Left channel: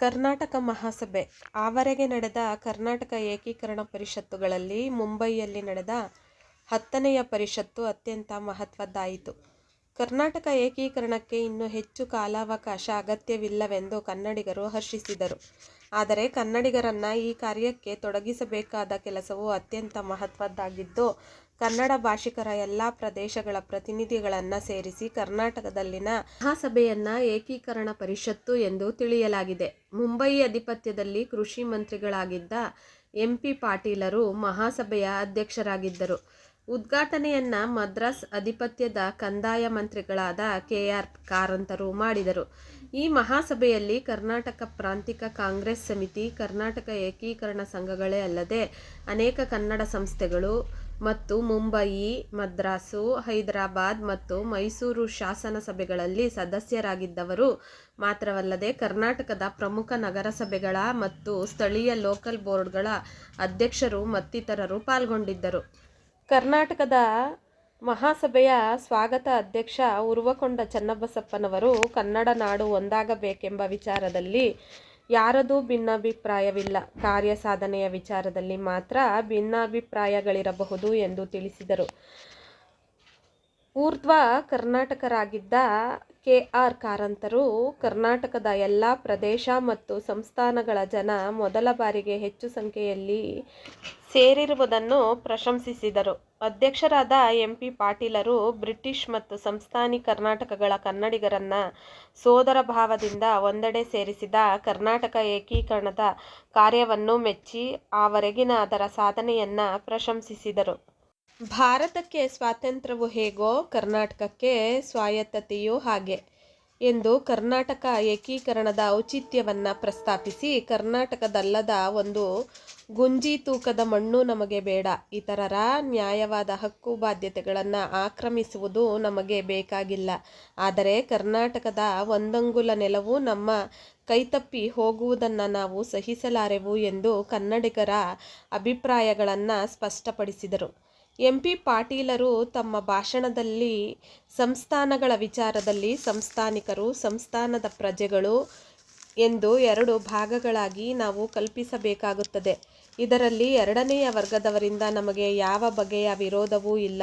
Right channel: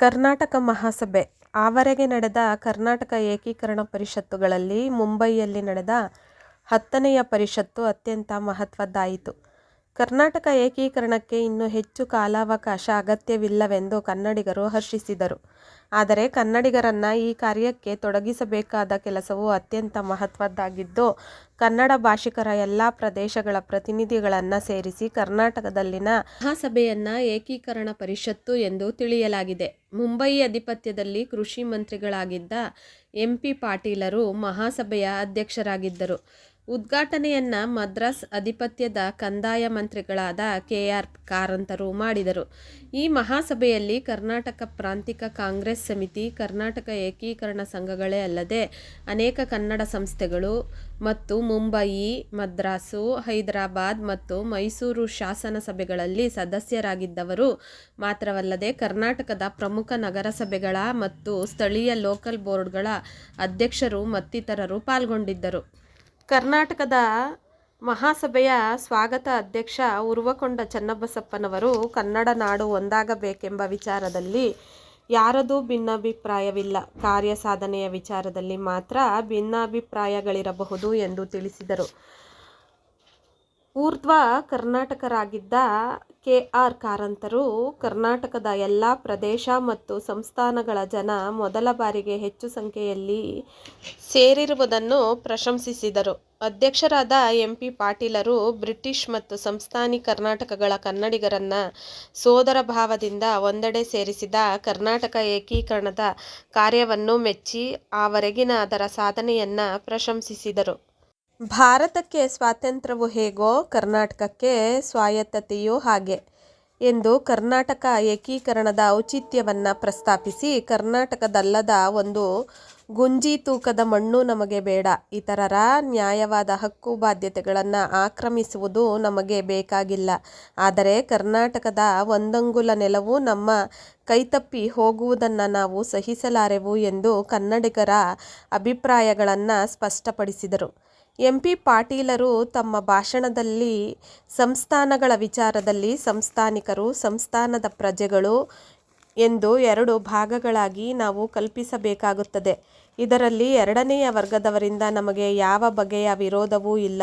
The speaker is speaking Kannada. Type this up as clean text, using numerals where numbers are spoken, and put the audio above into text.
ಕರ್ನಾಟಕ ಮಹಾಸಭೆ ಆವರೆಗೆ ನಡೆದ ಕರ್ನಾಟಕ ಏಕೀಕರಣ ಪರಿಷತ್ತುಗಳಲ್ಲಿ ಮುಂಬಯಿಯಲ್ಲಿ ನಡೆದ 10ನೆಯ ಪರಿಷತ್ತು ಅತ್ಯಂತ ಮಹತ್ವದ್ದಾಯಿತು. ಕರ್ನಾಟಕ ಏಕೀಕರಣಕ್ಕೆ ಇನ್ನೂ ಹೆಚ್ಚು ಕಾಲಾವಕಾಶ ಅಗತ್ಯವಿಲ್ಲವೆಂದು ಕನ್ನಡಿಗರು ಹರ್ಷಿಸಿದರು. ಆದರೆ ಕನ್ನಡಿಗರನ್ನು ಈ ಕಾರ್ಯಕ್ಕೆ ತೊಡಗಿಸಬೇಕಾದ ಕೆಲಸವು ಅತ್ಯಂತ ಮಹತ್ವದ್ದಾಗಿದ್ದು, ಕನ್ನಡ ಭಾಷಿಕರ ಎಲ್ಲ ಪ್ರದೇಶಗಳ ಪ್ರತಿನಿಧಿಗಳನ್ನು ಸೇರಿಸಿ ಕರ್ನಾಟಕದಲ್ಲಿನ ಮಹಾಸಭೆಯನ್ನು ಏಕೀಕರಣ ಪರಿಷತ್ತು ಎಂದು ತಿಳಿಯಲಾಗಿದೆ. ಮುಂಬಯಿ ಅಧಿಪತ್ಯದಲ್ಲಿ ಕೃಷಿ ಮಂತ್ರಿಗಳಾಗಿದ್ದ ಎಂ.ಪಿ. ಪಾಟೀಲರು ಮಹಾಸಭೆಯ ಅಧ್ಯಕ್ಷರಾಗಿದ್ದರು. ಉದ್ಘಾಟನೆಯನ್ನು ಮದ್ರಾಸ್ ಅಧಿಪತ್ಯದ ಕಂದಾಯ ಮಂತ್ರಿಗಳಾದ ಕೆ.ಆರ್. ಕಾರಂತರು ಮಾಡಿದರು. ಈ ಮಹಾಸಭೆಯಲ್ಲಿ ಕರ್ನಾಟಕ ಪ್ರಾಂತಿಕ ಕಾಂಗ್ರೆಸ್ ಸಮಿತಿ, ಕರ್ನಾಟಕ ಏಕೀಕರಣ ಸಂಘಗಳೇ ಅಲ್ಲದೆ ಅನೇಕ ಕನ್ನಡ ಸಂಸ್ಥೆಗಳು ಮತ್ತು ಮುಂಬಯಿ, ಮದ್ರಾಸು, ಹೈದರಾಬಾದ್ ಮತ್ತು ಮೈಸೂರು ಶಾಸನ ಸಭೆಗಳಲ್ಲಿ ಸದಸ್ಯರಾಗಿದ್ದವರು ಮಾತ್ರವಲ್ಲದೆ ಕರ್ನಾಟಕದ ಪ್ರಮುಖ ನಗರಸಭೆಗಳ ಮತ್ತು ಸ್ಥಳೀಯ ಲೋಕಲ್ ಬೋರ್ಡ್ಗಳ ಅಧ್ಯಕ್ಷರು ಮತ್ತಿತರರು ಪಾಲ್ಗೊಂಡಿದ್ದರು. ಕರ್ನಾಟಕದ ಮಹಾಸಭೆಯ ಸ್ವಾಗತ ಅಧ್ಯಕ್ಷ ಉರುವಕೊಂಡ ಚನ್ನಬಸಪ್ಪನವರು ಕನ್ನಡ ನಾಡು ಒಂದಾಗಬೇಕೆಂಬ ವಿಚಾರದಲ್ಲಿ ಯಾರದೂ ಭಿನ್ನಾಭಿಪ್ರಾಯವಿಲ್ಲ, ಕಾರ್ಯಸಾಧನೆಯ ವಿಚಾರದಲ್ಲಿ ಮಾತ್ರ ಭಿನ್ನಾಭಿಪ್ರಾಯಗಳಿರಬಹುದು ಎಂದು ತಿಳಿಸಿದರು. ಊರ್ಧ್ವ ಕರ್ನಾಟಕರಾಗಿದ್ದ ಕೆ.ಆರ್. ಕಾರಂತರು ಕರ್ನಾಟಕದ ಎಲ್ಲ ಪ್ರದೇಶ ಮತ್ತು ಸಂಸ್ಥಾನಗಳ ಜನ ಮೊದಲ ಬಾರಿಗೆ ಹೆಚ್ಚು ಸಂಖ್ಯೆಯಲ್ಲಿ ಸೇರಿರುವುದನ್ನು ಪ್ರಶಂಸಿಸಿದರು. ಅಧ್ಯಕ್ಷರಾದ ಎಂ.ಪಿ. ಪಾಟೀಲರು ಬ್ರಿಟಿಷ್ ಮತ್ತು ಸಂಸ್ಥಾನಿ ಕರ್ನಾಟಕಗಳ ಕನ್ನಡಿಗರನ್ನು ಸೋದರ ಭಾವದಿಂದ ಒಂದೆಡೆ ಸೇರಿಸಿದ ಕರ್ನಾಟಕ ಏಕೀಕರಣದ ಕಾರ್ಯವನ್ನು ಮೆಚ್ಚಿ ಆವರೆಗಿನ ಅದರ ಸಾಧನೆಯನ್ನು ಪ್ರಶಂಸಿಸಿದರು. ಭಾರತಕ್ಕೆ ಸ್ವಾತಂತ್ರ್ಯವು ಹೇಗೋ ಕರ್ನಾಟಕಕ್ಕೆ ಸ್ವಾಯತ್ತತೆಯೂ ಹಾಗೆ ಎಂದು ಕರ್ನಾಟಕ ಏಕೀಕರಣದ ಔಚಿತ್ಯವನ್ನು ಪ್ರಸ್ತಾಪಿಸಿ, ಕರ್ನಾಟಕದಲ್ಲದ ಒಂದು ಗುಂಜಿ ತೂಕದ ಮಣ್ಣು ನಮಗೆ ಬೇಡ, ಇತರರ ನ್ಯಾಯವಾದ ಹಕ್ಕು ಬಾಧ್ಯತೆಗಳನ್ನು ಆಕ್ರಮಿಸುವುದು ನಮಗೆ ಬೇಕಾಗಿಲ್ಲ, ಆದರೆ ಕರ್ನಾಟಕದ ಒಂದಂಗುಲ ನೆಲವು ನಮ್ಮ ಕೈತಪ್ಪಿ ಹೋಗುವುದನ್ನು ನಾವು ಸಹಿಸಲಾರೆವು ಎಂದು ಕನ್ನಡಿಗರ ಅಭಿಪ್ರಾಯಗಳನ್ನು ಸ್ಪಷ್ಟಪಡಿಸಿದರು. ಎಂ.ಪಿ. ಪಾಟೀಲರು ತಮ್ಮ ಭಾಷಣದಲ್ಲಿ ಸಂಸ್ಥಾನಗಳ ವಿಚಾರದಲ್ಲಿ ಸಂಸ್ಥಾನಿಕರು, ಸಂಸ್ಥಾನದ ಪ್ರಜೆಗಳು ಎಂದು ಎರಡು ಭಾಗಗಳಾಗಿ ನಾವು ಕಲ್ಪಿಸಬೇಕಾಗುತ್ತದೆ. ಇದರಲ್ಲಿ ಎರಡನೆಯ ವರ್ಗದವರಿಂದ ನಮಗೆ ಯಾವ ಬಗೆಯ ವಿರೋಧವೂ ಇಲ್ಲ.